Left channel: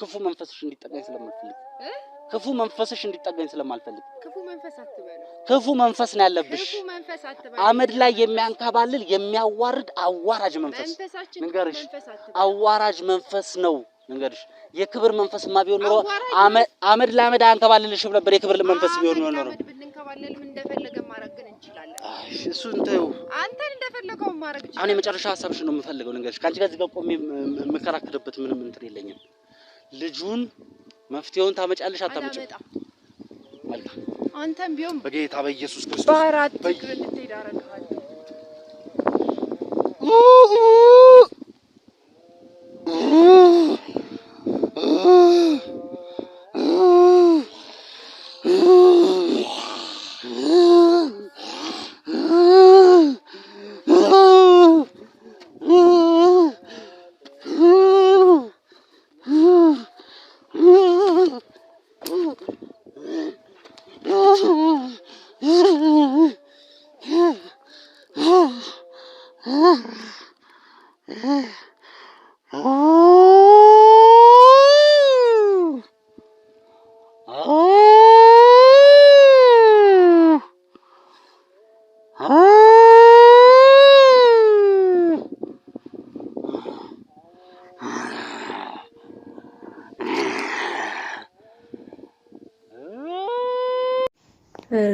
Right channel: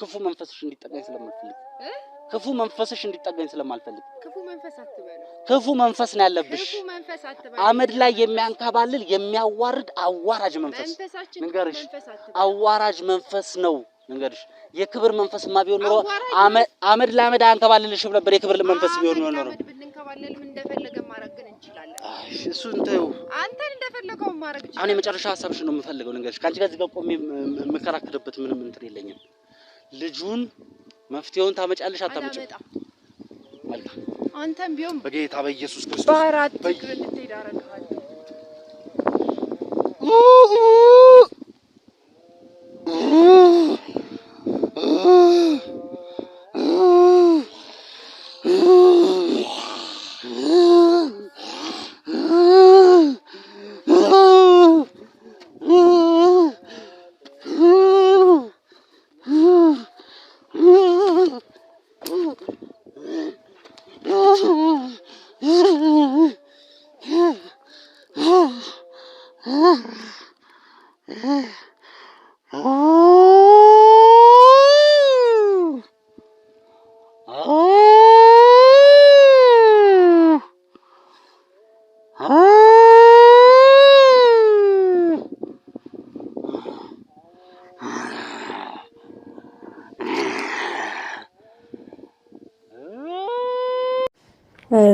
ክፉ መንፈስሽ እንዲጠጋኝ ስለማልፈልግ ክፉ መንፈስሽ እንዲጠጋኝ ስለማልፈልግ ክፉ መንፈስ ነው ያለብሽ አመድ ላይ የሚያንከባልል የሚያዋርድ አዋራጅ መንፈስ ንገርሽ አዋራጅ መንፈስ ነው ንገርሽ የክብር መንፈስማ ቢሆን ኖሮ አመድ ለአመድ አንከባልልሽም ነበር የክብር መንፈስ ቢሆን ኖሮ ብንከባለልም እንደፈለገ ማድረግ ግን እንችላለን እሱ እንተው አንተን እንደፈለገው ማድረግ ይችላል አሁን የመጨረሻ ሐሳብሽ ነው የምፈልገው ንገርሽ ካንቺ ጋር ዝጋው ቆሜ መከራከርበት ምንም እንትን የለኝም ልጁን መፍትሄውን ታመጫለሽ አታመጭም መልካም አንተም ቢሆን በጌታ በኢየሱስ ክርስቶስ ባራት ትክክል ትሄዳረጋል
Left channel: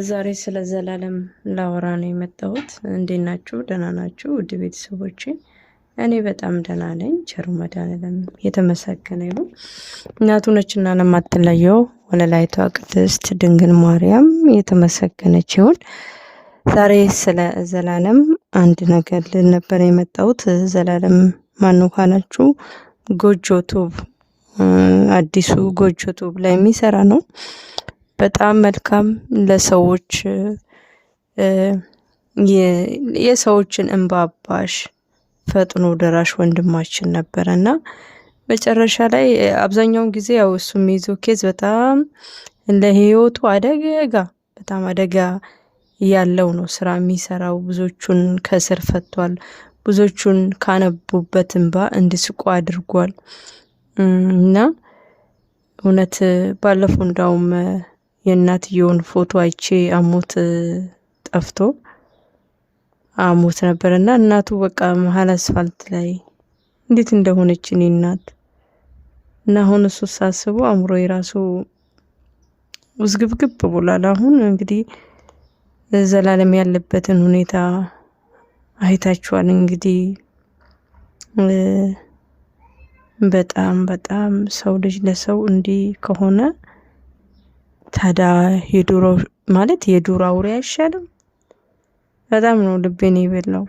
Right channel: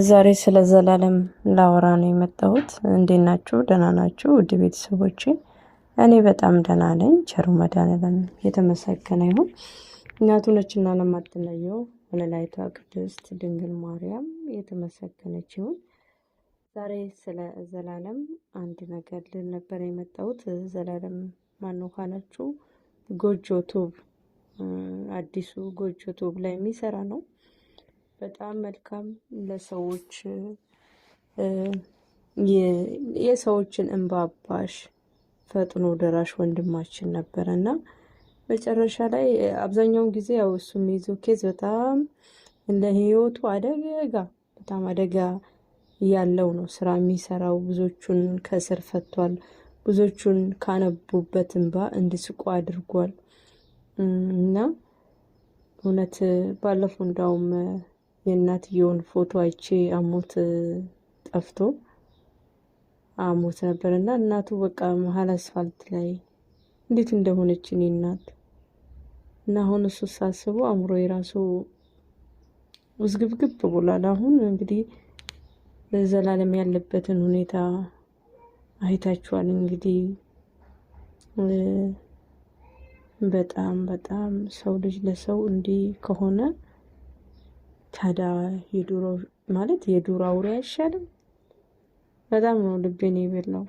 ዛሬ ስለ ዘላለም ላወራ ነው የመጣሁት እንዴት ናችሁ ደህና ናችሁ ውድ ቤተሰቦቼ እኔ በጣም ደህና ነኝ ቸሩ መድኃኒዓለም የተመሰገነ ይሁን እናቱ ነችና ለማትለየው ወለላይቷ ቅድስት ድንግል ማርያም የተመሰገነች ይሁን ዛሬ ስለ ዘላለም አንድ ነገር ልል ነበር የመጣሁት ዘላለም ማነው ካላችሁ ጎጆ ቱብ አዲሱ ጎጆ ቱብ ላይ የሚሰራ ነው በጣም መልካም ለሰዎች የሰዎችን እንባባሽ ፈጥኖ ደራሽ ወንድማችን ነበርና መጨረሻ ላይ አብዛኛው ጊዜ ያው እሱ የሚይዘው ኬዝ በጣም ለህይወቱ በጣም አደጋ ያለው ነው ስራ የሚሰራው ብዙዎቹን ከስር ፈቷል ብዙዎቹን ካነቡበት እንባ እንዲስቁ አድርጓል እና እውነት ባለፈው እንዳውም የእናትየውን ፎቶ አይቼ አሞት ጠፍቶ አሞት ነበርና እናቱ በቃ መሀል አስፋልት ላይ እንዴት እንደሆነች እኔ እናት እና አሁን እሱ ሳስበው አምሮ የራሱ ውዝግብግብ ብሏል አሁን እንግዲህ ዘላለም ያለበትን ሁኔታ አይታችኋል እንግዲህ በጣም ሰው ልጅ ለሰው እንዲህ ከሆነ ታዲያ የዱሮ ማለት የዱር አውሬ አይሻልም በጣም ነው ልቤን ይበላው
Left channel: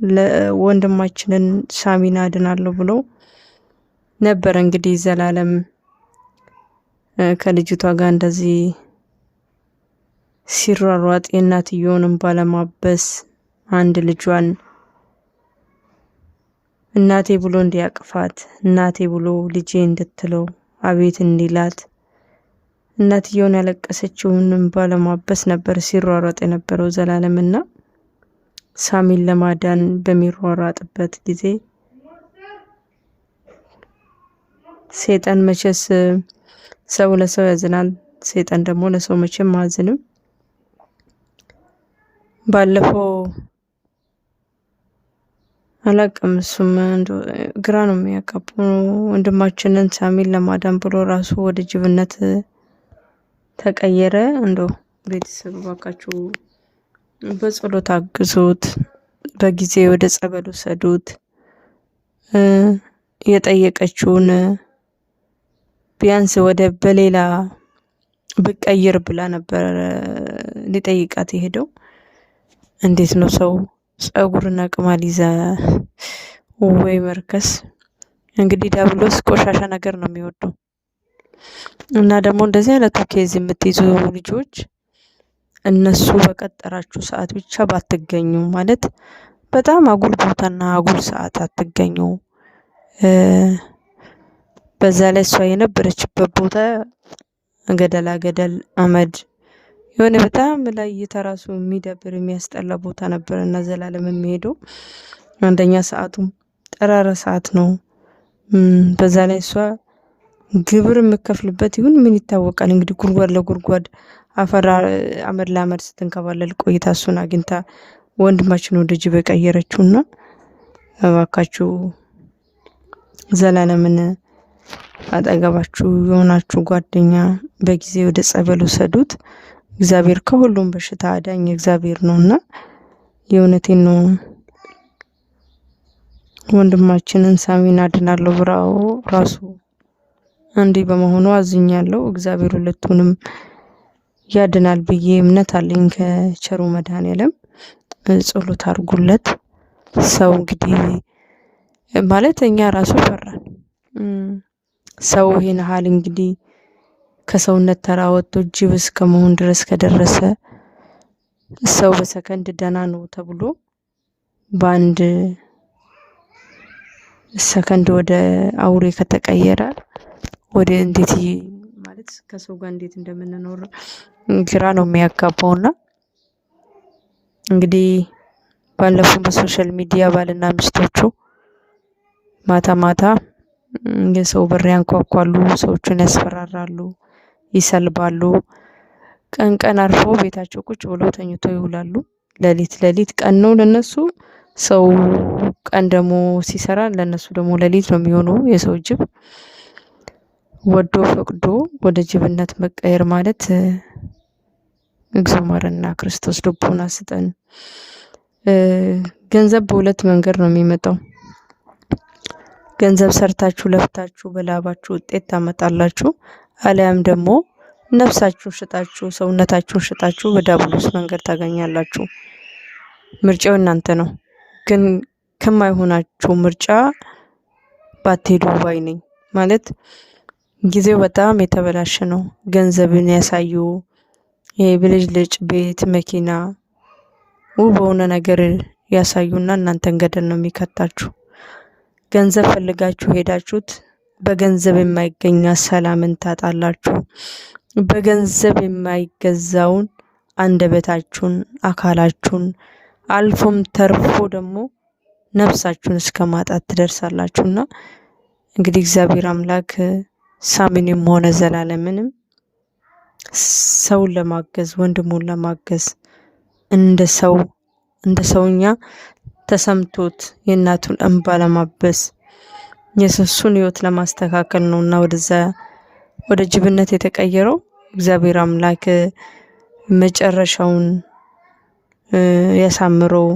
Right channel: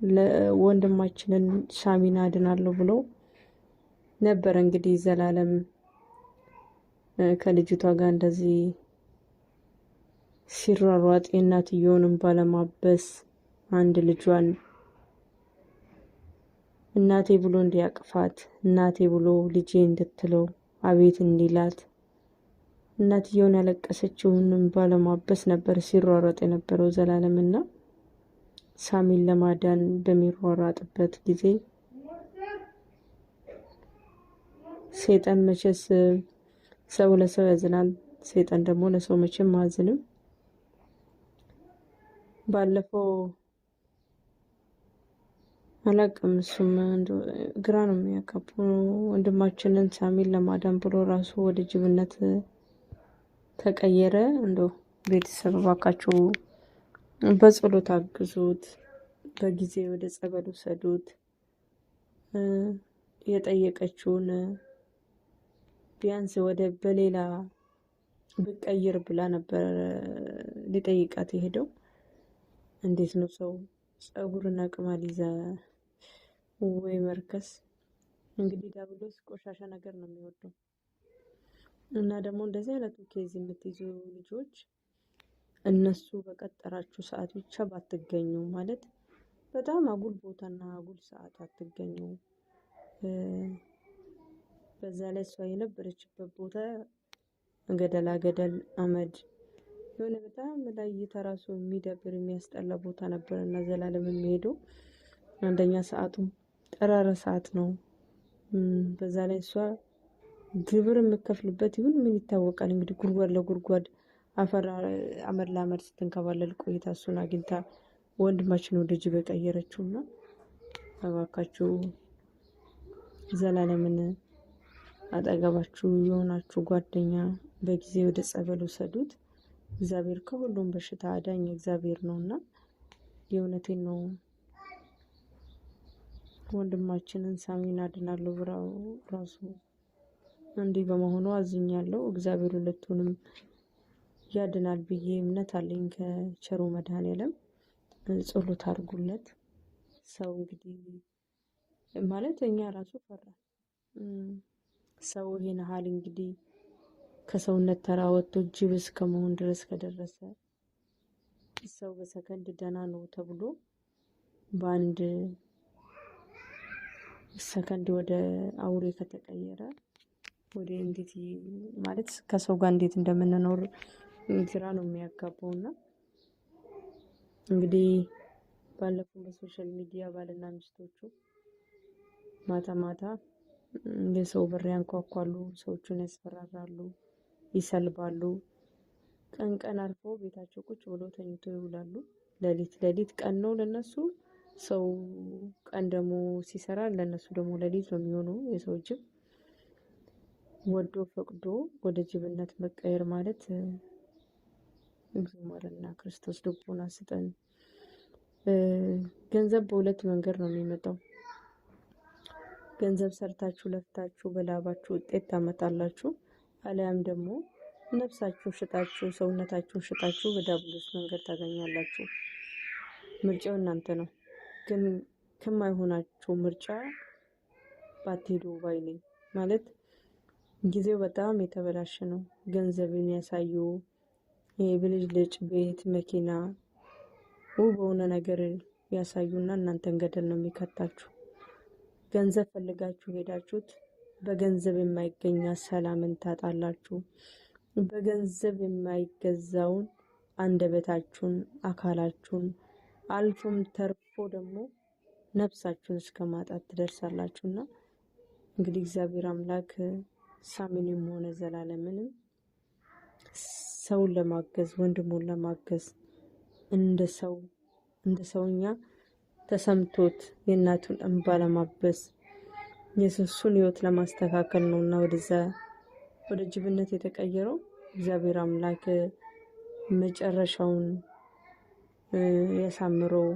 ለወንድማችንን ሳሚና አድናለሁ ብሎ ነበር እንግዲህ ዘላለም ከልጅቷ ጋር እንደዚህ ሲሯሯጥ የእናትየውንም ባለማበስ አንድ ልጇን እናቴ ብሎ እንዲያቅፋት እናቴ ብሎ ልጄ እንድትለው አቤት እንዲላት እናትየውን ያለቀሰችውንም ባለማበስ ነበር ሲሯሯጥ የነበረው ዘላለምና ሳሚን ለማዳን በሚሯሯጥበት ጊዜ ሰይጣን መቼስ ሰው ለሰው ያዝናል ሰይጣን ደግሞ ለሰው መቼም አያዝንም ባለፈው አላቅም እሱም ግራ ነው የሚያቀበው ወንድማችንን ሳሚን ለማዳን ብሎ ራሱ ወደ ጅብነት ተቀየረ እንደው ቤተሰብ ባካችሁ በጸሎት አግዙት በጊዜ ወደ ጸበሉ ሰዱት የጠየቀችውን ቢያንስ ወደ በሌላ ብቀይር ብላ ነበር ሊጠይቃት የሄደው እንዴት ነው ሰው ጸጉርና ቅማል ይዛ ወይ መርከስ እንግዲህ ዳብሎስ ቆሻሻ ነገር ነው የሚወደው እና ደግሞ እንደዚህ አይነቱ ኬዝ የምትይዙ ልጆች እነሱ በቀጠራችሁ ሰዓት ብቻ ባትገኙ ማለት በጣም አጉል ቦታና አጉል ሰዓት አትገኙ በዛ ላይ እሷ የነበረችበት ቦታ ገደል አመድ የሆነ በጣም ላይ የተራሱ የሚደብር የሚያስጠላ ቦታ ነበርና ዘላለም የሚሄደው አንደኛ ሰዓቱም ጠራራ ሰዓት ነው በዛ ላይ እሷ ግብር የምከፍልበት ይሁን ምን ይታወቃል። እንግዲህ ጉድጓድ ለጉድጓድ አመድ ለአመድ ስትንከባለል ቆይታ እሱን አግኝታ ወንድማችን ወደ ጅብ የቀየረችውና እባካችሁ ዘላለምን አጠገባችሁ የሆናችሁ ጓደኛ በጊዜ ወደ ጸበል ውሰዱት። እግዚአብሔር ከሁሉም በሽታ አዳኝ እግዚአብሔር ነውና የእውነቴን ነው። ወንድማችንን ሳሚን አድናለሁ ብራው ራሱ እንዲህ በመሆኑ አዝኛለሁ። እግዚአብሔር ሁለቱንም ያድናል ብዬ እምነት አለኝ። ከቸሩ መድኃኔዓለም ጸሎት አድርጉለት። ሰው እንግዲህ ማለት እኛ ራሱ ፈራን። ሰው ይሄን ሀል እንግዲህ ከሰውነት ተራ ወጥቶ ጅብ እስከ መሆን ድረስ ከደረሰ ሰው በሰከንድ ደህና ነው ተብሎ በአንድ ሰከንድ ወደ አውሬ ከተቀየረ ወደ እንዴት ማለት ከሰው ጋር እንዴት እንደምንኖር ግራ ነው የሚያጋባውና እንግዲህ ባለፈው በሶሻል ሚዲያ ባልና ሚስቶቹ ማታ ማታ የሰው በር ያንኳኳሉ፣ ሰዎችን ያስፈራራሉ፣ ይሰልባሉ። ቀን ቀን አርፎ ቤታቸው ቁጭ ብለው ተኝቶ ይውላሉ። ሌሊት ቀን ነው ለነሱ፣ ሰው ቀን ደግሞ ሲሰራ ለነሱ ደግሞ ሌሊት ነው የሚሆነው። የሰው ጅብ ወዶ ፈቅዶ ወደ ጅብነት መቀየር ማለት እግዚኦ ማረና ክርስቶስ ልቦና ስጠን። ገንዘብ በሁለት መንገድ ነው የሚመጣው። ገንዘብ ሰርታችሁ ለፍታችሁ በላባችሁ ውጤት ታመጣላችሁ፣ አሊያም ደግሞ ነፍሳችሁን ሽጣችሁ ሰውነታችሁን ሽጣችሁ በዳብሎስ መንገድ ታገኛላችሁ። ምርጫው እናንተ ነው። ግን ከማይሆናችሁ ምርጫ ባትሄዱ ባይ ነኝ። ማለት ጊዜው በጣም የተበላሸ ነው። ገንዘብን ያሳዩ የብልጭልጭ ቤት መኪና ውብ በሆነ ነገር ያሳዩና እናንተን ገደል ነው የሚከታችሁ። ገንዘብ ፈልጋችሁ ሄዳችሁት በገንዘብ የማይገኛ ሰላምን ታጣላችሁ። በገንዘብ የማይገዛውን አንደበታችሁን፣ አካላችሁን አልፎም ተርፎ ደግሞ ነፍሳችሁን እስከ ማጣት ትደርሳላችሁና እንግዲህ እግዚአብሔር አምላክ ሳሚንም ሆነ ዘላለምንም ሰውን ለማገዝ ወንድሙን ለማገዝ እንደ ሰውኛ ተሰምቶት የእናቱን እንባ ለማበስ የሱን ህይወት ለማስተካከል ነውና ወደ ጅብነት የተቀየረው። እግዚአብሔር አምላክ መጨረሻውን ያሳምረው፣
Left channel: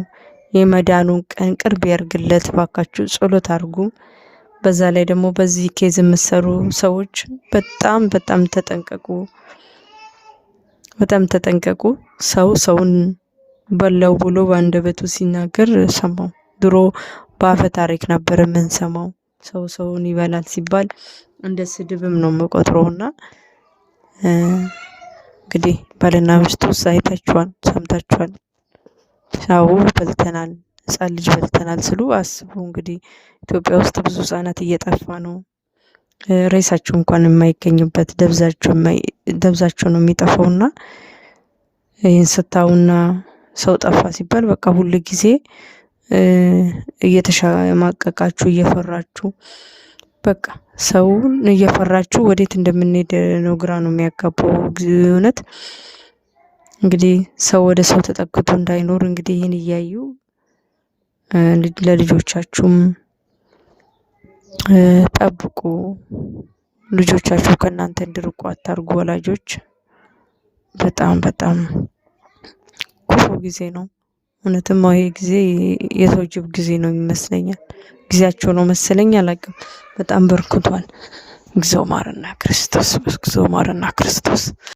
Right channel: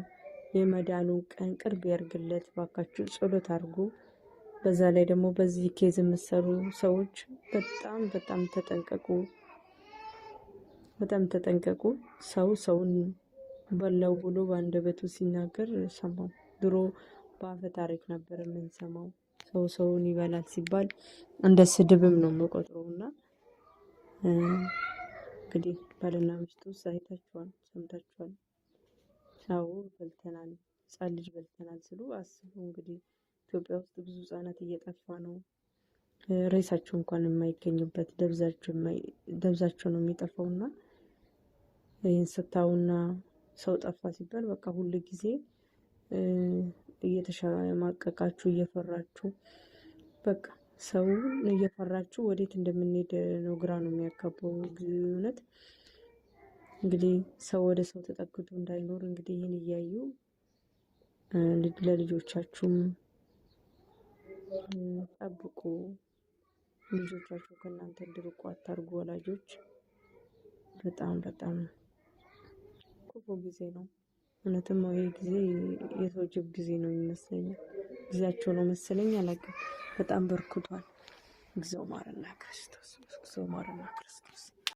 የመዳኑን ቀን ቅርብ ያርግለት። ባካችሁ ጸሎት አድርጉ። በዛ ላይ ደግሞ በዚህ ኬዝ የምትሰሩ ሰዎች በጣም ተጠንቀቁ። ሰውን በላው ብሎ በአንደበቱ ሲናገር ሰማው። ድሮ በአፈ ታሪክ ነበር የምንሰማው። ሰውን ይበላል ሲባል እንደ ስድብም ነው የምቆጥረውና እንግዲህ ባልና ሚስቱ አይታችኋል፣ ሰምታችኋል። ሰው በልተናል፣ ህፃን ልጅ በልተናል ስሉ አስቡ። እንግዲህ ኢትዮጵያ ውስጥ ብዙ ህጻናት እየጠፋ ነው። ሬሳቸው እንኳን የማይገኝበት ደብዛቸው ነው የሚጠፋውና ይህን ስታውና ሰው ጠፋ ሲባል በቃ ሁሉ ጊዜ እየተሸማቀቃችሁ እየፈራችሁ በቃ ሰውን እየፈራችሁ ወዴት እንደምንሄድ ነው ግራ ነው የሚያጋባው። እውነት እንግዲህ ሰው ወደ ሰው ተጠግቶ እንዳይኖር እንግዲህ ይህን እያዩ ለልጆቻችሁም ጠብቁ። ልጆቻችሁ ከእናንተ እንዲርቁ አታርጉ። ወላጆች በጣም ክፉ ጊዜ ነው። እውነትም ይሄ ጊዜ የሰው ጅብ ጊዜ ነው ይመስለኛል። ጊዜያቸው ነው መሰለኝ፣ አላውቅም። በጣም በርክቷል። እግዚኦ ማረና ክርስቶስ።